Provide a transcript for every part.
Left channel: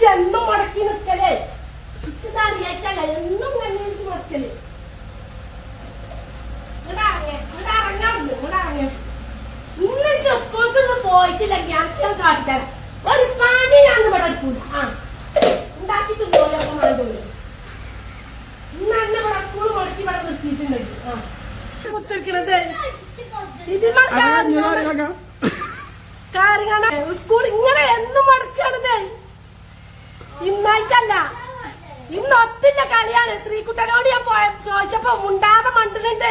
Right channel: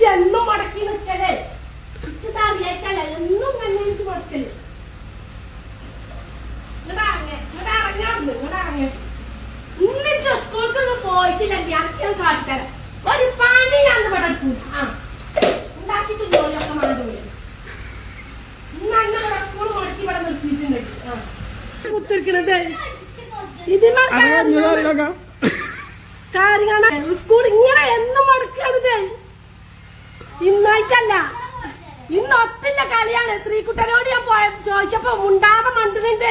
ജന്മം മുടക്കി നിൽക്കലേ അറിയാറ്റല്ല എന്നും കണ്ണടിച്ച് മുടക്കല് ഇന്നിച്ച് സ്കൂൾക്കൊന്നും പോയിട്ടില്ലെങ്കിൽ ഞാൻ കാട്ടിത്തരാം ഒരു പണി ഞാൻ ഇവിടെ എടുക്കൂല ആ ഉണ്ടാക്കിട്ട് ജോലിയൊക്കെ മാറി ഇന്ന് അങ്ങനെ ഇവിടെ സ്കൂൾ മുടക്കി ഇവിടെ നിർത്തിയിട്ടുണ്ട് കുത്തിരിക്കണത് ഇത് കാര്യങ്ങളാണ് സ്കൂൾ ഇങ്ങനെ എന്നും മുടക്കാണിത് ഇന്നായിട്ടല്ല ഇന്ന് ഒത്തില്ല കളിയാണ് ശ്രീകുട്ടനോട് ഞാൻ ചോദിച്ചപ്പോ മുണ്ടാതെ മണ്ടുന്നുണ്ട്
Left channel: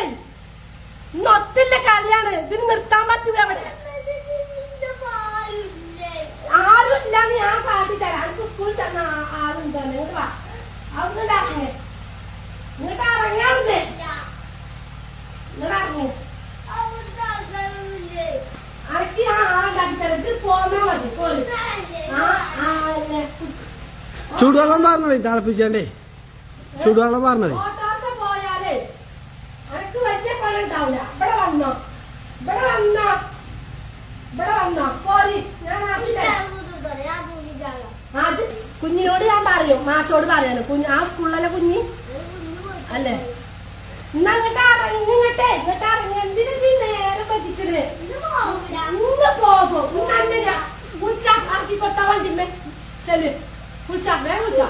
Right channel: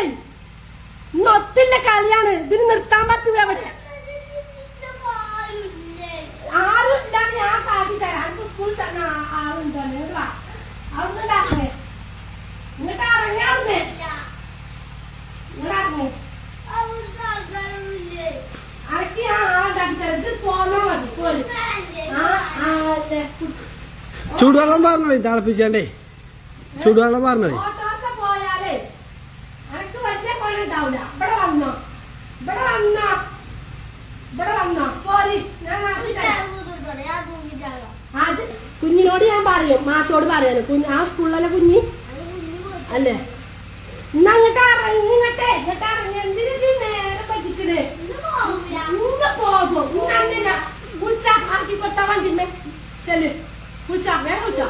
ഇന്ന് ഒത്തില്ല കളിയാണ് ഇതിന് നിർത്താൻ പറ്റുക അവിടെ ആരുമില്ലാന്ന് ഞാൻ കാട്ടി തരാം സ്കൂളിൽ ചെന്ന ആളുണ്ടാണ് ഇങ്ങോട്ട് വാ അവിടെ ഇങ്ങോട്ട് ഇറങ്ങാറുന്നേ ഇങ്ങോട്ട് ഇറങ്ങി അനക്ക് ഞാൻ ആളുണ്ടാക്കി തരാം പോന്നാ മതി പോലെ ചൂടുവെള്ളം പറഞ്ഞേ തിളപ്പിച്ചേ ചൂടുവെള്ളം പറഞ്ഞേ പോയാലേ അനക്ക് വലിയ പണി ഉണ്ടാവില്ല ഇവിടെ വന്നോ ഇവിടെ വന്നോ ഇവിടെ വന്നോ പോരി ഞാൻ കുഞ്ഞിനോട് ഞാൻ പറയും മാഷോട് പറയാനും ആ സ്കൂളിലെ കുഞ്ഞി അല്ലേ ഇന്ന് ഇങ്ങോട്ടേ ഇറങ്ങി എന്തിനു നേരെ പറ്റിച്ചത് ഇന്ന് പോകും ഇന്ന് അങ്ങനെ കുച്ച ആക്കി കൊത്ത വണ്ടിമേ ചെല് കുച്ച വേ കുച്ച